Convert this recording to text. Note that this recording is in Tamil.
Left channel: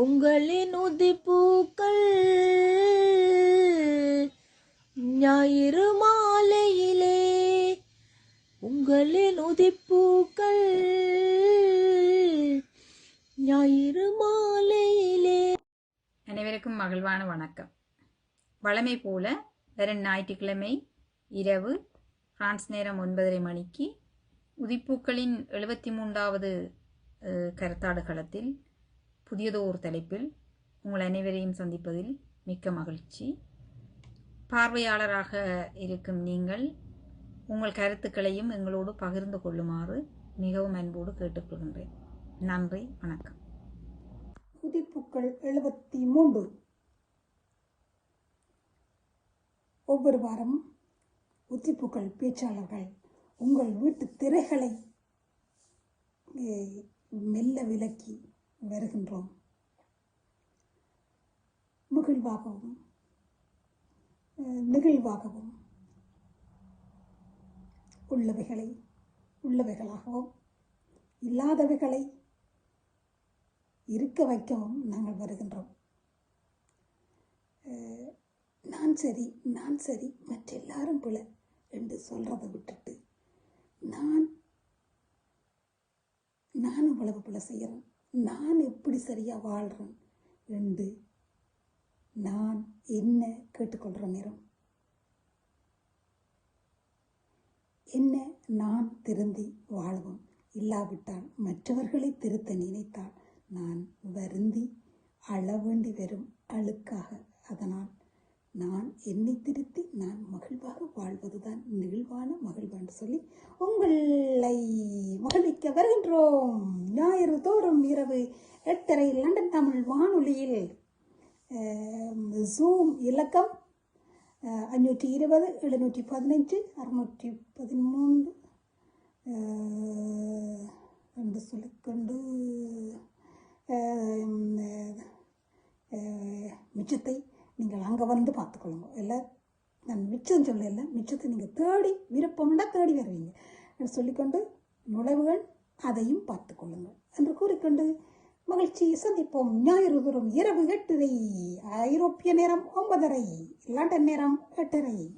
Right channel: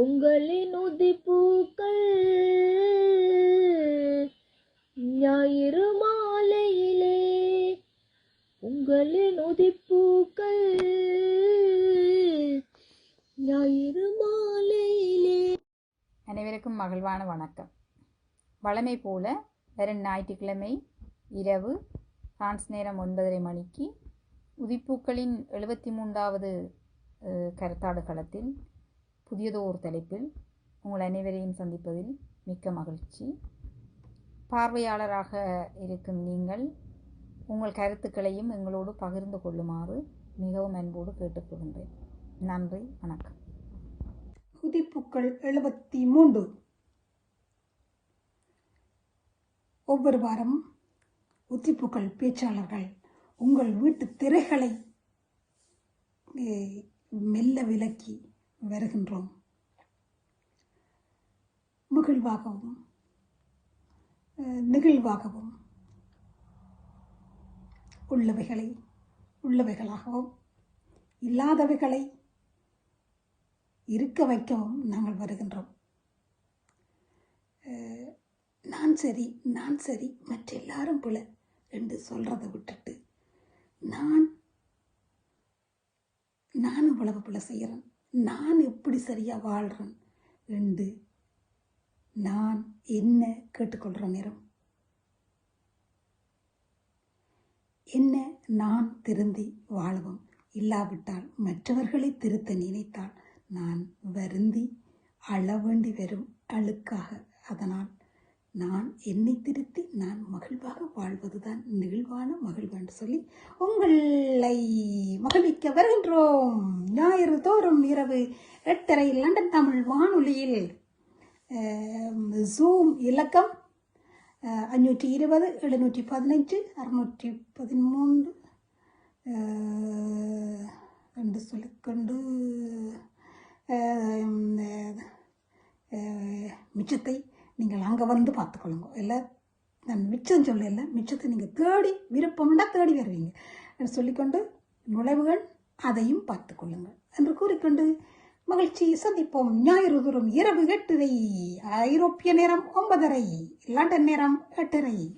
உங்களின் உதிப்பூக்கள் ஞாயிறு மாலையிலே உங்களின் உதிப்பூக்கள் ஞாயிறு மாலையிலே. அனைவருக்கும் மகிழ்வான வணக்கம். வளமை போல வரும் ஞாயிற்றுக்கிழமை இரவு பிரான்ஸ் நேரம் ஒன்பதரை மணிக்கு உதிப்பூக்களின் எழுபத்தி மூன்றாவது கருத்தாடு களத்தில் புதியதோ ஒரு தலைப்பில் உங்கள் அனைவரையும் சந்திப்பதில் மிக்க மகிழ்ச்சி. பார்வையாளராக இருக்கும் நீங்கள் உங்கள் கருத்துக்களையும் எங்களோடு பகிர்ந்து கொள்ளுமாறு மிகவும் அன்போடு கேட்டுக்கொள்கின்றேன். நன்றி வணக்கம். உதிப்புக்கள் எழுபத்தி மூன்று ஒவ்வொரு வாரம் உத்திப்புக்கள் பேச்சாளர்கள் உங்கள் வீட்டு திரைகளை மெல்ல விலக்கி வருகின்றோம். முகிழ்வாகவும் நெகிழ்வாகவும் உள்ளவைகளை உள்ளவைகளாகவும் இல்லாதவைகளை இருக்க வைக்கவும் நாங்கள் வருகின்றோம். நான் சரி நான் சரி மற்ற எல்லாரும் போல என்று சொல்கிறத விட்டுட்டு நான் நான் இவ்வளவு போல செய்கிறேன். நான் எப்படி சரியாக வாழ்கிறேன் என்று நான் என்ன கேட்டுக்கொள்கிற நேரம்? என்ன நான் திருந்தி வாழவும்? இல்லாவிட்டால் மற்றவர்களை திருத்த நினைத்தால் நான் வருந்தி அழ வேண்டி வரும் அழுக்காக. அதனால் நான் என்னை திருத்தி நான் மகிழ்வாக வாழ்வதுதான் நிகழ்வான மகிழ்வு என்று சொல்லி உங்களை மகிழ்விக்க வருகின்றோம். ஞாயிறு தோறும் இரவு எட்டரை லண்டன் தமிழ் வானொலியில் ஜூம் இலக்கம் அஞ்சூற்றி இருபது எழுநூற்றி பதினஞ்சு அறுநூற்றி பதிமூன்று என்று சொல்லிக்கொண்டு மிச்சத்தை நீங்கள் அங்கே வந்து பார்த்துக்கொள்ளுங்க. இல்லை நான் மிச்சம் சொல்லல மிச்சத்தை நீங்கள் தேடி விருப்பம்னா தேடி வருவீங்க. என்று சொல்லிக்கொண்டு நுழைவுகள் அதையும் பார்த்து கொள்ளுங்கள். என்று கூறிக்கொண்டு மகிழ்ச்சியை சந்திப்போம். ஞாயிறு தோறும் இரவு எட்டரை. ஐரோப்பிய நேரம் ஒன்பதரை. லண்டன் நேரம் எட்டரை.